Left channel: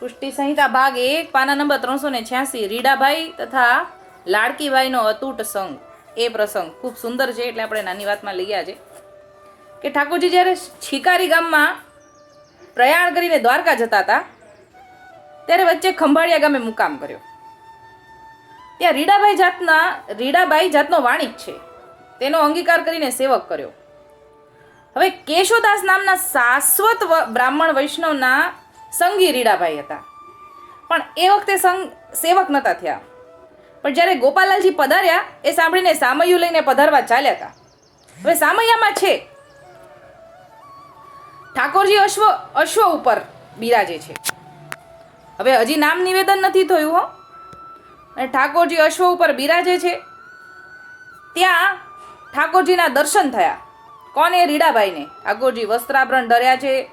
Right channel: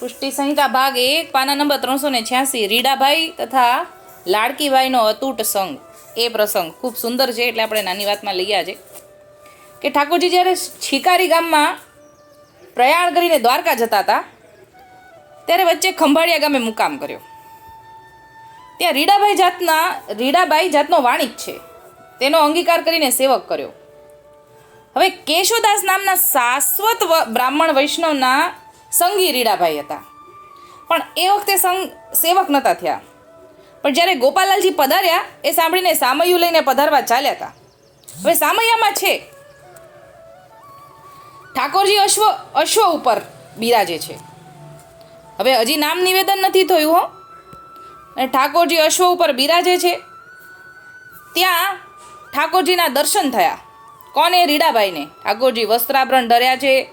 પુષ્ટિ સંહિતા ભાગ એક, પાના નંબર ત્રણસો ને છ્યાસી, રીડાભાઈ તથા લાડકીભાઈનો અતૂટ સંગ. એ પ્રસંગ ખૂબ સુંદર છે એટલે આપણે નાની વાતમાં લઈ આજે. કે ઠાકોરજી જ્યારે છીકારી ગામમાં પ્રયાણ કરીને દ્વારકા જતા હતા, ત્યારે વચ્ચે ખંભાળિયા ગામે મુકામ કર્યો. ત્યાં રીડાભાઈ જાતના, રીડાભાઈ જાતનો વાણિજ છે. તેનો અંગીકાર કરીને સેવક કર્યો. હવે કેશોદાસ નામના શાશ્વત બ્રાહ્મણ વૈષ્ણવના સંગી રીડાભાઈ હતા. પણ એ વખતે સંગ સેવક નહોતા થયા. પણ જ્યારે ગોપાલાલજી પધાર્યા, એ સાંભળીને સામૈયું લઈને પધારવા ચાલ્યા હતા. હવે સામૈયામાં છે. ઠાકોરજી અશ્વ અશ્વ ઉપર બિરાજે છે. હવે હજી નામ નિવેદન નથી થયું હો. અને ઠાકોરજી અશ્વ ઉપર બિરાજે છે. ત્યાં ઠાકોરજીના દર્શન થયા. કોને? રીડાભાઈને. ઠાકોરજી વસ્ત્રાભરણ ધર્યા છે.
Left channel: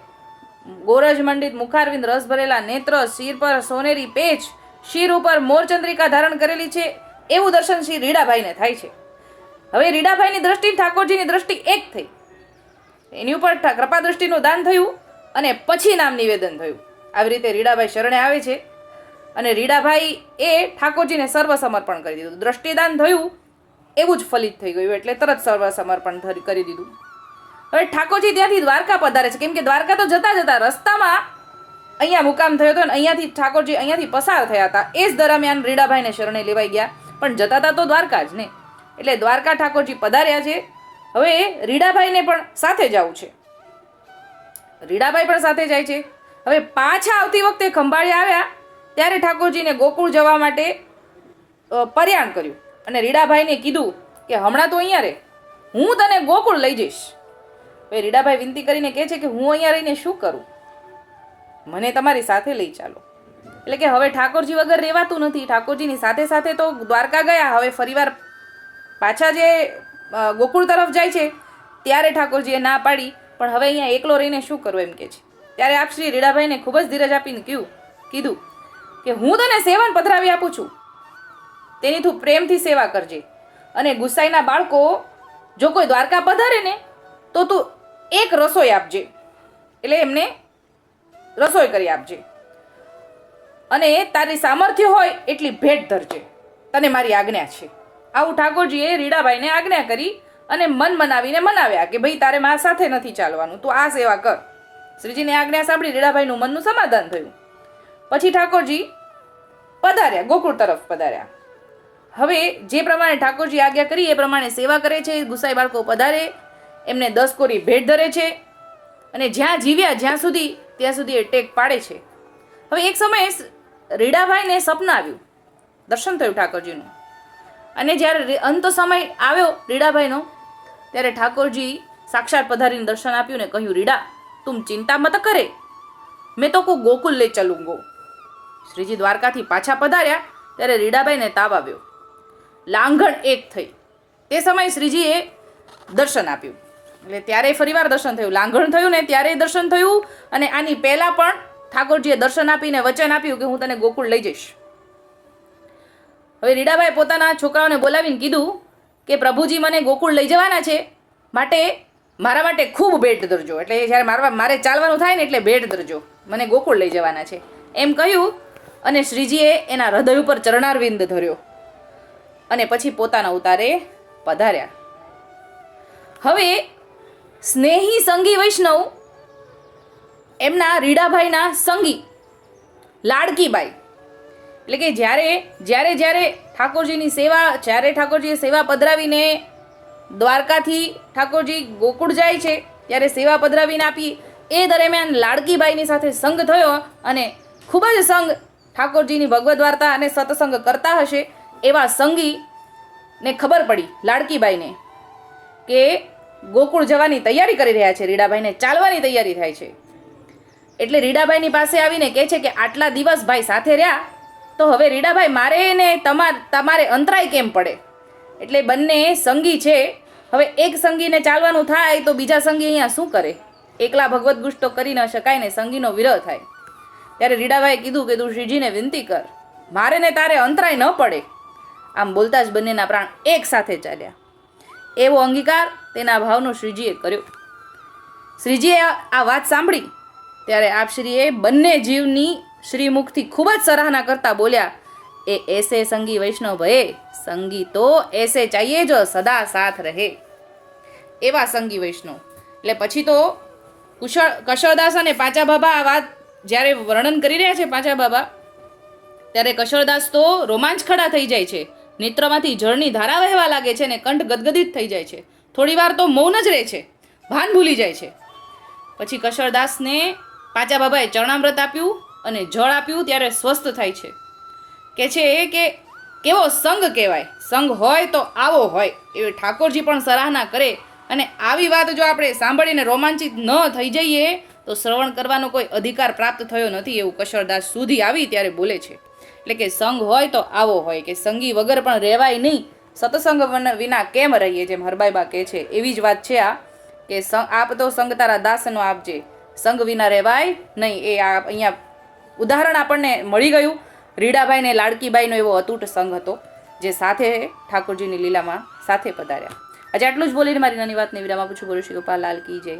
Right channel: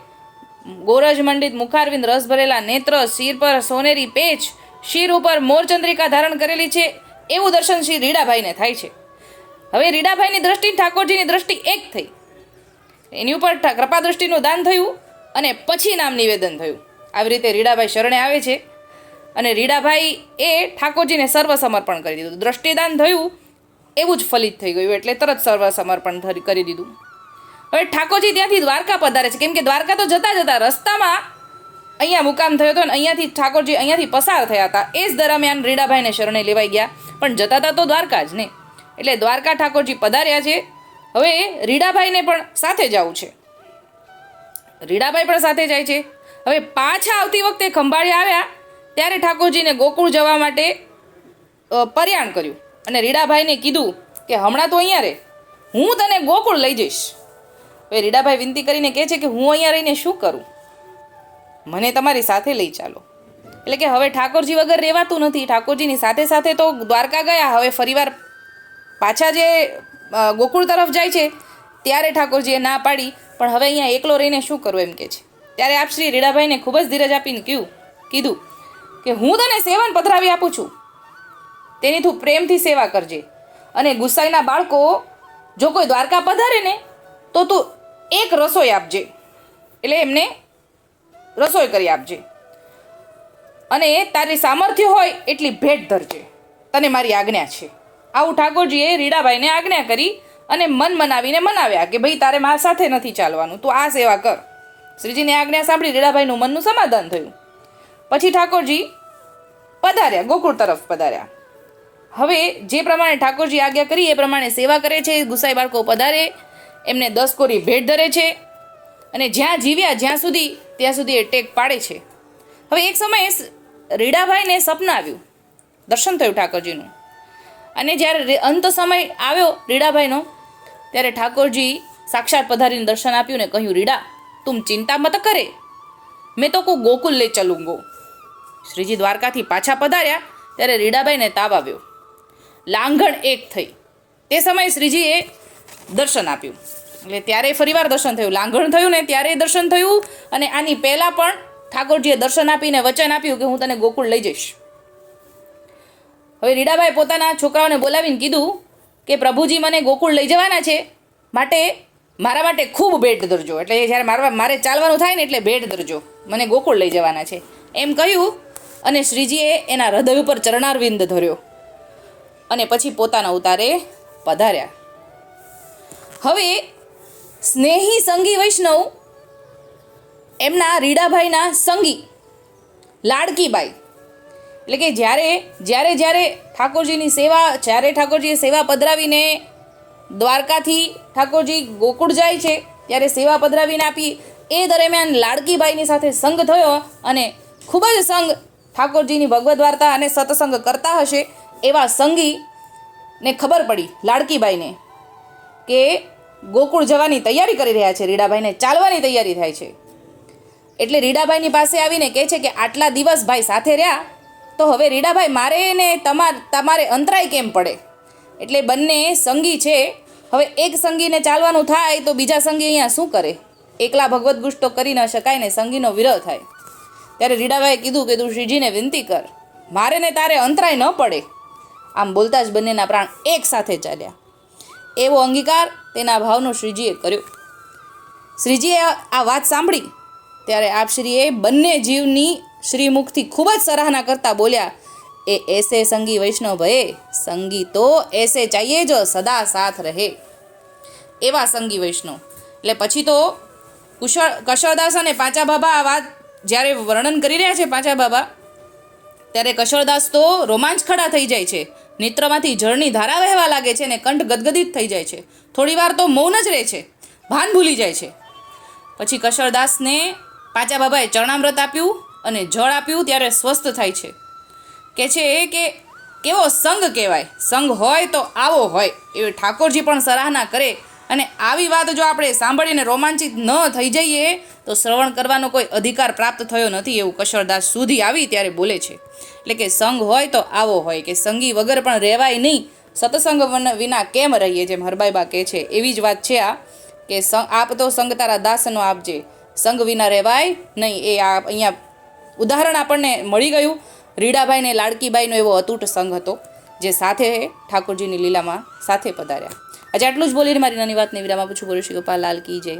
ગોરજ મંડિત મુખારવિંદ રસ ભરેલા નેત્ર, શિર પર સોનેરી પેચ, શિર ઉપર મોરચંદ્રિકા ધારણ કરેલી છે, એવું દર્શન શ્રી રીડાભાઈને થાય છે. હવે રીડાભાઈની દ્રષ્ટિ ઠાકોરજીની દ્રષ્ટિ એક થઈ. એની ઉપર કૃપા દ્રષ્ટિનું દાન થયું અને પછી નામ નિવેદન થયું. આવી રીતે રીડાભાઈ શરણે આવે છે અને રીડાભાઈ એ ઠાકોરજીને સર્વ સમર્પણ કરી દીધું. દ્રષ્ટિદાન થયું, એવું જ ફલિત થઈ ગયું, એટલે તરત સર્વ સમર્પણ કરી દીધું. હવે ઠાકોરજી ત્યાંથી દ્વારકા પધારે છે. કેમ કે દ્વારકા તો જતા જતા રસ્તામાં અહીંયા મુકામ થયો હતો અને અહીંયાથી ઠાકોરજી અહીંયાથી પસાર થયા હતા. એ જ દરમિયાન રીડાભાઈને શરણે લેવાઈ ગયા. પણ જતા હતા તો દ્વારકા જ ને. એટલે દ્વારકા ઠાકોરજી પધાર્યા છે. હવે રીડાભાઈને પણ સાથે જવું છે. રીડાભાઈ પણ સાથે જાય છે. હવે પાછા આવતી વખતે ખંભાળી આવ્યા. ત્યારે ઠાકોરજીને ગોકુળ જવા માટે પર્યાણ કર્યું. અને રીડાભાઈને કીધું કે, હમણાં તો અહીંયા રહે હું તને ગોકુળ લઈ જઈશ. હવે રીડાભાઈ વિનંતી કરીને કહે છે કે હું અહીંયા રહીને શું કરું? મને તમારી સાથે લઈ ચાલો. એટલે કે હવે ઠાકોરજી વગર રહેવાતું નથી. ઠાકોરજીની સાથે સાથે તો દ્વારકા ગયા, હવે ફરીવાર પાછા જે ગોકુળ તરફ જાય છે, ત્યારે ઠાકોરજીએ ના પાડી. પણ હવે અહીંયા એકલો રહીને શું કરવું એમ કે છે. ત્યારે આપ શ્રી રીડાભાઈને ખૂબ જ ધીરજ આપીને કહ્યું કીધું કે હું તને સેવન પધરાવી આપું છું. તેની તું પ્રેમથી સેવા કરજે. અને ગુસાઈના બાળકો જો કોઈ દ્વારકા પધારે ને, તો તું એક રસોઈ આપજે. એટલે એમને રસોઈ કરી આપજે. અને તારી સામર્થ્ય હોય એટલી ભેટ ધરજે. તને મારી આજ્ઞા છે. આવું ઠાકોરજીએ રીડાભાઈને આજ્ઞા કરી અને મન મનાવીને મનાવ્યા કે ભાઈ તારે મારા સાથે નથી ચાલવાનું. તું આ સેવા કર. શ્રીજીની આજ્ઞા સાંભળી રીડાભાઈનું મનનું સમાધાન થયું. પછી ઠાકોરજી પધાર્યા, ગોકુળ તરફ પધાર્યા. હવે જે પ્રમાણે ઠાકોરજી આજ્ઞા કરી એ પ્રમાણે સેવા કરે છે, ગુસાઈ બાળકો પધારે એમને દસ કોરી ભેટ ધરે છે અને જ્યાં જીવ્યા જ્યાં સુધી, ત્યાં સુધી એ ટેક પાડે છે. હવે એક સમયે રીડાભાઈને સપના આવ્યું, દર્શન થયું ઠાકોરજીનું. અને જ્યારે અંત સમય આવ્યો રીડાભાઈનો, ત્યારે ઠાકોરજી સાક્ષાત પધારીને દર્શન આપ્યું ને કહ્યું, રીડા, તું ચિંતા મત કરે. મેં તો કો ગોકુલ લે ચલુંગો શ્રીજી દ્વારકાથી પાછા પધાર્યા, ત્યારે રીડાભાઈને તાવ આવ્યો. લાંઘણ એક થઈ. તે સમયે શ્રીજીએ દર્શન આપ્યું. એટલે ત્યારે ફરીવાર દર્શન થયું. લાંઘણ થયું ને ત્યારે દર્શન થયું અને આની પહેલાં પણ ઠાકોરજીએ દર્શન આપીને વચન આપ્યું કે હું તને ગોકુળ લઈ જઈશ. હવે રીડાભાઈ પોતાના છોકરાઓને બોલાવીને કીધું કે પ્રભુજી મને ગોકુળ લઈ જવાના છે માટે મારા માટે ખૂબ ભેટ ધરજો. એટલે જ્યારે મારવા મારે ચાલવાનું થાય ને એટલે ભેટ ધરજો. મને ગોકુળ લઈ જવાના છે. એમ કહ્યું અને શ્રીજીએ એના હૃદય ઉપર ચરણારવિંદ ધર્યો અને પછી પોતાના ઉતારે પધાર્યા. હવે સ્નેહી સંગી વૈષ્ણવ, એમના રીડાભાઈના સંગી લાડકીબાઈ. એટલે કે જ્યારે જ્યારે જ્યારે ઠાકોરજીની સેવા, જ્યારે ઠાકોરજીએ સેવા પધરાવીને દ્વારકાથી ઠાકોરજી ગોકુળ જાય છે, ત્યારે સેવા પધરાવીને આપી, એ દરમિયાન લાડકીબાઈની સાથે સંગ થયો અને ખૂબ જ સંગ ઠાકોરજીની ભગવદ્ વાર્તા અને સત્સંગ કરતા હશે એવા સંગીને ખબર પડી લાડકીબાઈને કે ગોકુળ જવાની તૈયારી કરી રહ્યા છે. રીડાભાઈને ચાલવાની તૈયારી થાય છે. એટલે રીડાભાઈની પાસે આવીને કહે છે કે આટલા દિવસ ભાઈ સાથે રહ્યા, તો હવે રીડાભાઈ મારે ને તમાર, તમારે અંતરાય કેમ પડે? એટલે બંને સંગી છે. હવે એક સંગીને ચાલવાનું થાય તો બીજા સંગી અહીંયા શું કરે? એકલા ભગવદ્ ગુસ્તો કરી ન શકાય ને સંગીનો વિરહ થાય. ત્યારે રીડાભાઈએ કીધું કે તું શ્રીજીને વિનંતી કર, મારે ને તારે અંતરાય ન પડે. આમ બોલતા જ બંનેના પ્રાણ એક સાથે ચાલ્યા. એવો અંગીકાર તેના ભાવનો શ્રીજીએ કર્યો. શ્રીજીએ આ વાત સાંભળી ત્યારે આપશ્રીએ બંને જીવની શ્રીમુખથી ખૂબ જ સરાહના કરતા બોલ્યા, એ એસે સંગી વૈષ્ણવ ભયે સંગી તો એસે ચાહીએ જ સદા સાથ રહે. એવા સંગી વૈષ્ણવ. એટલે પછી તો કુશળ કશળદાસ અને પાંચા બાબા આ વાત જ્યારે વર્ણન કરી રહ્યા છે પાંચા બાબા ત્યારે કશળદાસ તો રોમાંચ ખડા થઈ જાય છે. નેત્રમાંથી જળની ધારા વહેવા લાગે છે અને કંઠ ગદગદિત થઈ જાય છે. થોડી વાર તો મૌન જ રહે છે. ભાન ભૂલી જાય છે. પછી કશળદાસને પાચા બાબાએ ચરણામૃત આપ્યું અને જળ આપ્યું ત્યારે સ્વસ્થ થાય છે. કે છે એ કે કેવો સંગ કહેવાય. સંગ હોય તો આવો હોય. એવી ઠાકોરજી પણ સરાહના કરે અને આવી વાત જો આપણે સાંભળીને રોમાંચિત ન થઈ જઈએ તો શ્રવણ કરવાનો કોઈ અધિકાર પ્રાપ્ત થયો નથી એવું કશળદાસ સુધી આવી ત્યારે બોલે છે. એટલે કે સંગ હોય તો આવો હોય, કે સંગી વગર પણ રહેવાય નહીં. સત્સંગ વિના કેમ રહીએ જેમ હરબાઈબા કહે છે. એવી જ વાત છે આ, કે સંગ, આપ તો સંગ તારા દાસનો આપજે. સંગ વિના રહેવાય નહીં. એ આ અહીંયા ઉદાહરણ આપણને મળી ગયું. રીડાભાઈ ને લાડકીબાઈનો એવો અતૂટ સંઘ હતો, જે સાથે ઠાકોરજીની લીલામાં સાથે પધાર્યા. આજે આટલું જ બોલીને મારી નાની વાતને વિરામ આપું છું. બોલું શ્રી ગોપાલ લાલ કી જય.